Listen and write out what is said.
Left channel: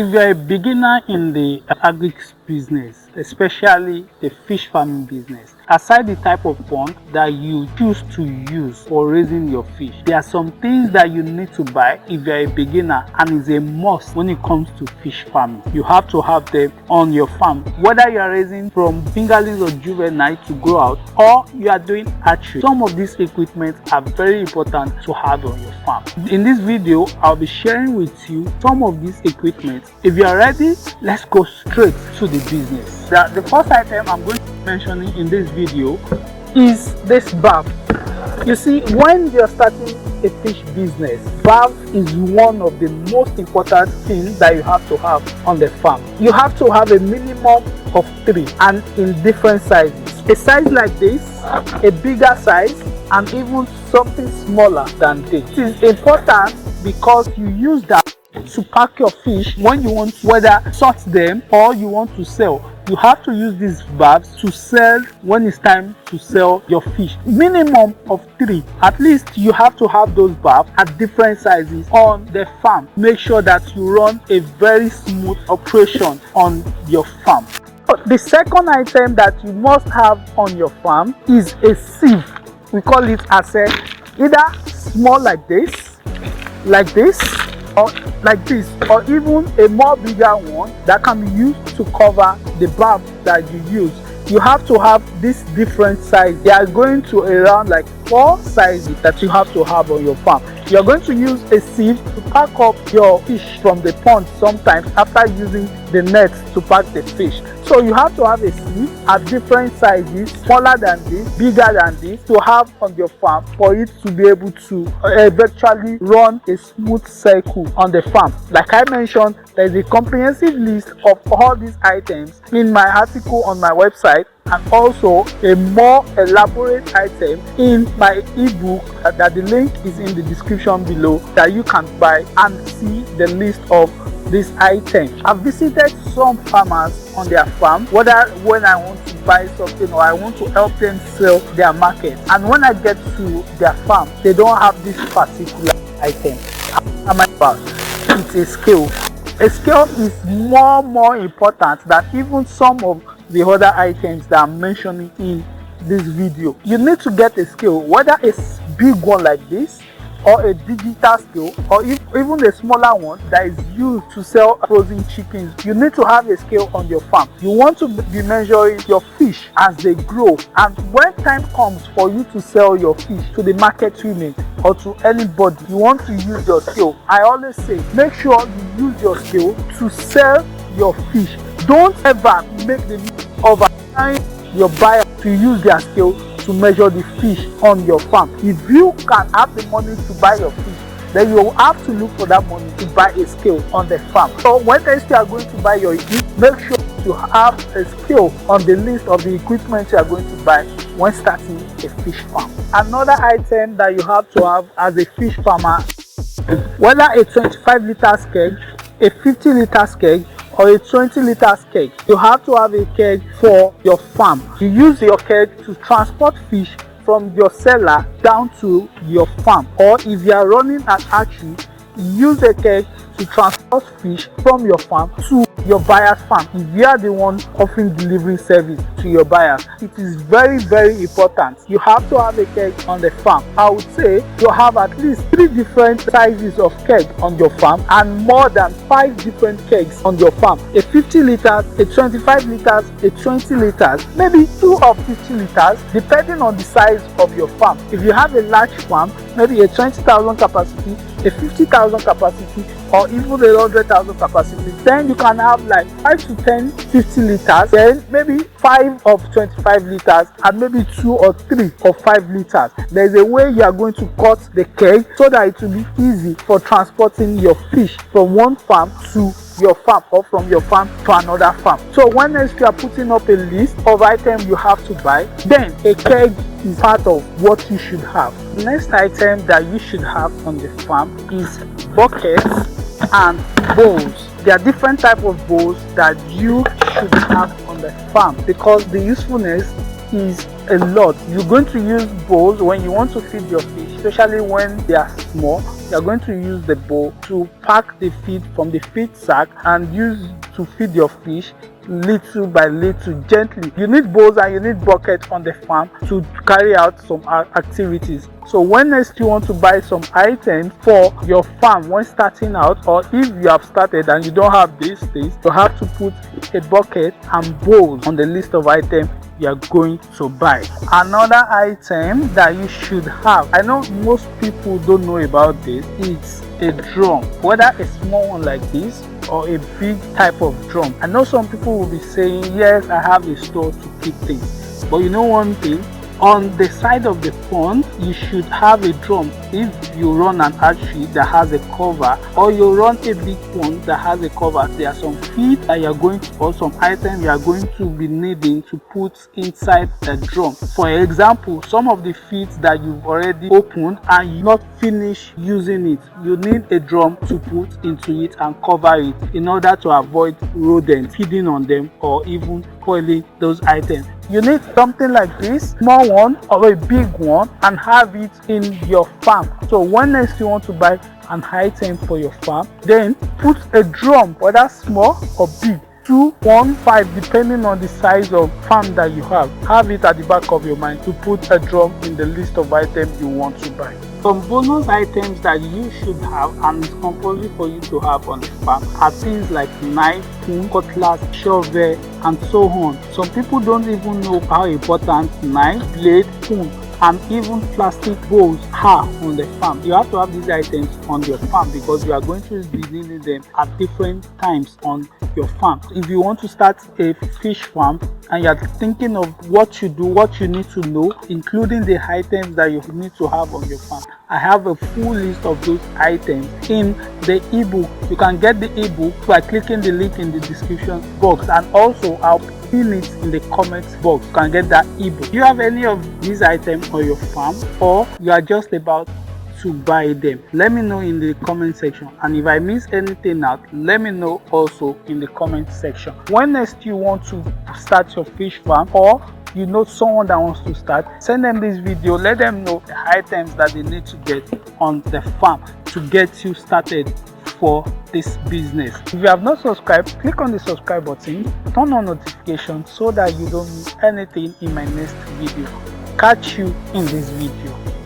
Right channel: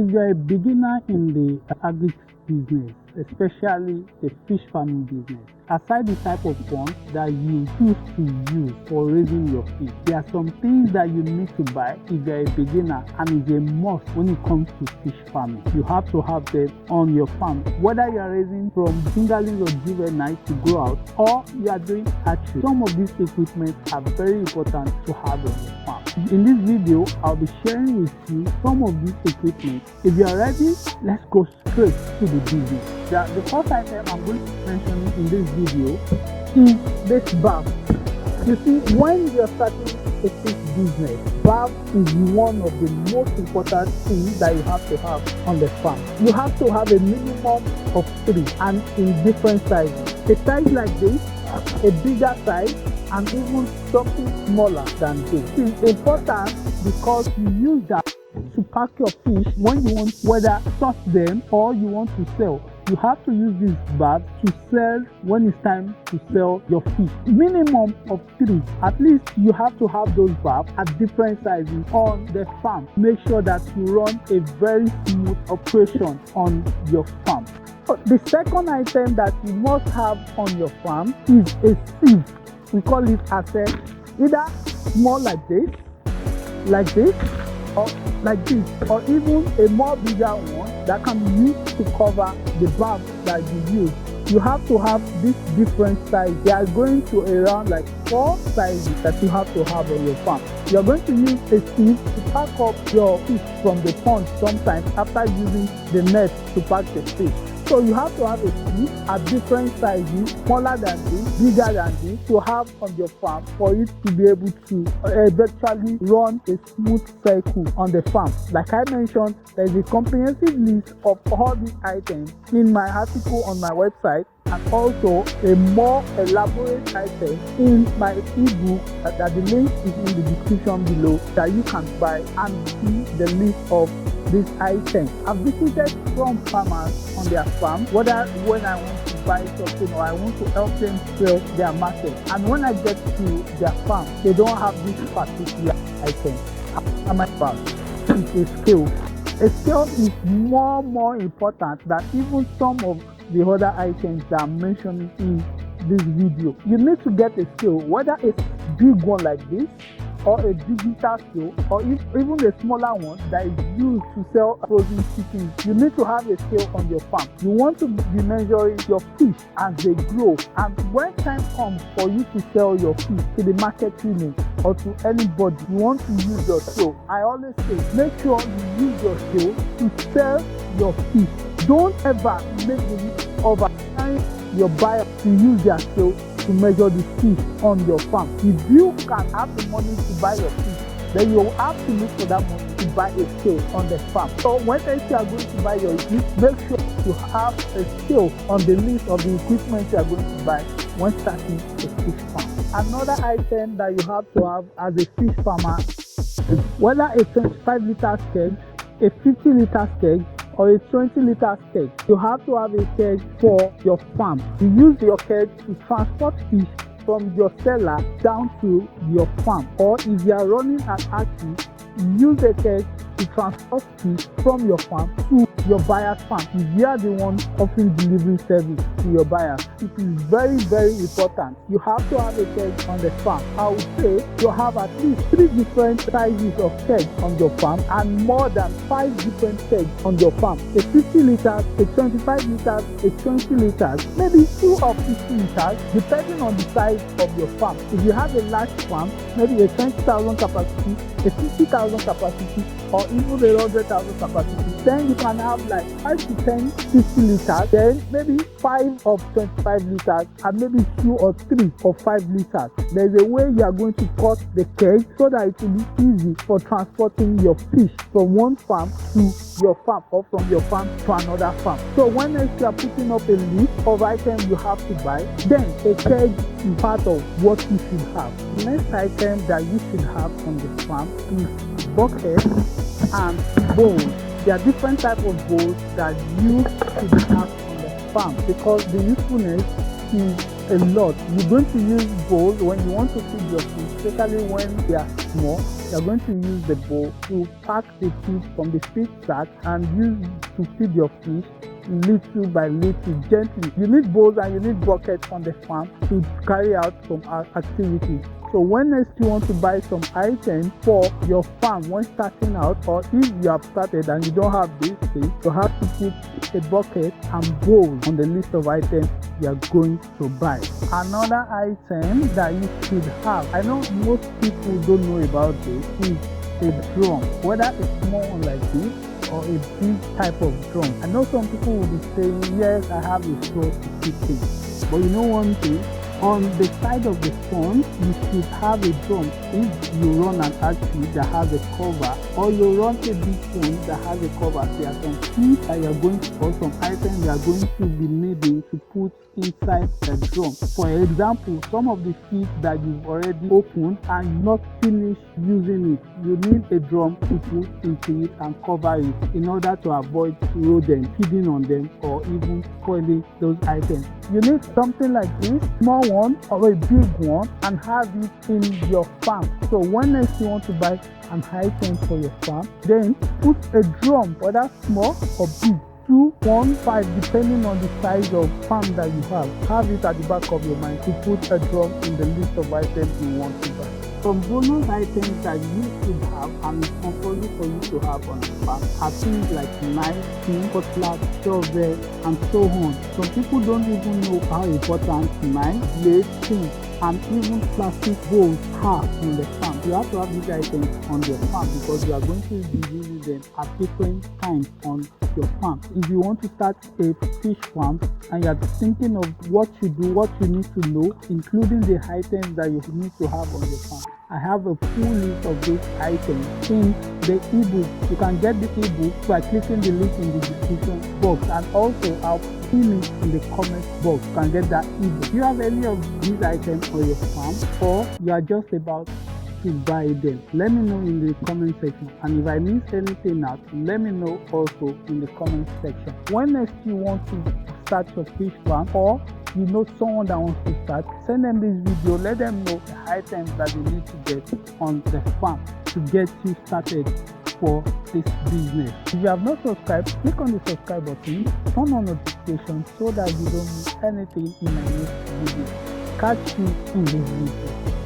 If you're a beginner in the agri business, especially the fish farming business, aside the type of pond that you choose to use for raising your fish, there are some things that you need to buy if you're a beginner, and it's a must when it comes to fish farming. You have to have them on your farm, whether you are raising from fingerlings or juvenile to grow out, or you are doing hatchery. Some of these equipment are very important to have on your farm. In this video, I'll be sharing with you some of these equipment. If you are ready, let's go straight to the business. The first item I'm going to be mentioning in this video is this barf. You see, when you're starting a fish business, barf is one of the most important things that you have to have on the farm. You have to have a minimum of 3 and in different sizes. A size like this, a bigger size, and even something smaller than this. It is important because you use that to pack your fish when you want, whether sort them or you want to sell. You have to use these bags to sell when it's time to sell your fish. Minimum of 3. At least you have to have those bags at different sizes on the farm. Make sure that you run a very smooth operation on your farm. The second item that you must have on your farm is a sieve. We call it as either small like this, or like this, or even a more bigger one that can be used to cover the barf that you use. You have to have this different size. They are going to around like 4 sizes that you have to have on your farm. You're going to use a sieve to pack up your fish from the pond sometimes after using the net to pack the fish. So you have to have a sieve at different sizes, smaller than this, bigger than this, to have on your farm for it to be able to eventually run a smooth cycle on the farm. Like I mentioned, there is a comprehensive list of all these items in my article on my website, and also a more elaborate item in my ebook that the link is in the description below, that you can buy and see the list of these items. I've visited some farmers on their farm, whether when I want to buy something or I want to help them sell their market, and when I get to their farm, they don't have this particular item. It's a scale. A scale is more important than even some of the other items that I'm mentioning in this video. You need to get a scale, whether a big one like this or a digital scale, or even a smaller one that is used to sell frozen chickens. You need to have a scale on your farm. You want to be measuring your fish as they grow, and when time comes for you to sell your fish to the market women or to anybody, you want to use your scale. I always say, make sure you use your scale to sell your fish. Don't ever make the mistake of allowing your buyer to use their scale to measure the fish on your farm. If you can have the money to buy your fish, then you will have to look for that money to buy a scale on the farm. So when you are going to buy your equipment, make sure you have a scale on the list of the equipment you are going to buy when starting a fish farm. Another item that you have to have as a fish farmer, whether a 25-liter keg, a 50-liter keg, or a 20-liter keg, you have to have a keg for your farm. You use your keg to transport fish from your cellar down to your farm, or if you are running an hatchery, you use a keg to transport fish from your farm to your buyer's farm. If you are the one offering delivery service to your buyers, it is very important. You have to have a keg on the farm. I would say you have at least 3 different sizes of keg on your farm, and more than 5 different kegs on your farm. A 50 liters, a 25 liters, a 20 liters, maybe 2 or 50 liters, depending on the size of your farm. If you have a large farm, maybe a 20,000 capacity, a 50,000 capacity, or even a 100,000 capacity, then you can have like 5 to 10 50 liters, then maybe 5 of 25 liters, and maybe 2 or 3 of 5 liters. There's a way you are going to cut the keg so that it will be easy for transporting your fish from one farm to your farm, or from your farm to another farm. So when next you are putting up a list of items you have to buy, then a keg is part of what you should have. The next item that you should have on the farm is buckets and bowls. There are different types of bowls that you should have on the farm, because the usefulness is a lot. You're going to use bowls when you want to feed your fish, especially when they are small. You're going to use the bowl to pack the feed from the feed sack and use to feed your fish little by little, gently. You need bowls and you need buckets on the farm to carry out some activities. So when next you want to buy some items for your farm when starting out, or if you have started and you don't have these things, you have to put a bucket and bowls on the list of items you are going to buy. Another item that you should have, I know most people don't know about this, is a drum, whether a small one like this or a big type of drum. I know some people will be saying, yes, I have a store to keep things, but you know one thing, on the side of the pond you should have a drum. If you run an archery that has a cover, or you run a big pond that has a cover, there are some feed that you are going to, or some items you are going to be needing to put inside the drum. For example, some of the feeds that you've already opened and you not finished using it, you need a drum to put into it and cover it in order to avoid rodents feeding on them or even spoiling those items. You need something like this, small one or a big one, and have it in your farm. So when next you want to buy an item for your farm, then put a drum, whether small or big, 2, 1, 5, depending on the size of farm that you have. Have it at the back of your mind to put a drum in the list of items you want to buy. Some bonus items that you should have and it's compulsory for you to have on the farm are things like knife, spoon, cutlass, shovel, and so on. Some people don't even know how important knife, blade, spoon, and even plastic bowls are on the farm. You have to have these items on your farm because you are going to be needing them at different times on your farm. If you want to start a fish farm and you are thinking of what you do, what you need to know, including the items that you need to have on your farm, I have a full list of those items in the ebook. You can get the ebook by clicking the link in the description box, and also I'll pin it in the comments box. You can get that ebook. Do you have any of these items on your farm, or you are just about to buy them? Let me know in the comment section, and if I miss anything out, let me know also in the comment section. When next you want to start your fish farm, or you know someone that wants to start, send them this video, let them know the items that they need to get on the farm to get you started for this business. If you have not subscribed, click on the subscribe button, turn on notifications so that you don't miss anything in my next video. Catch you in this video.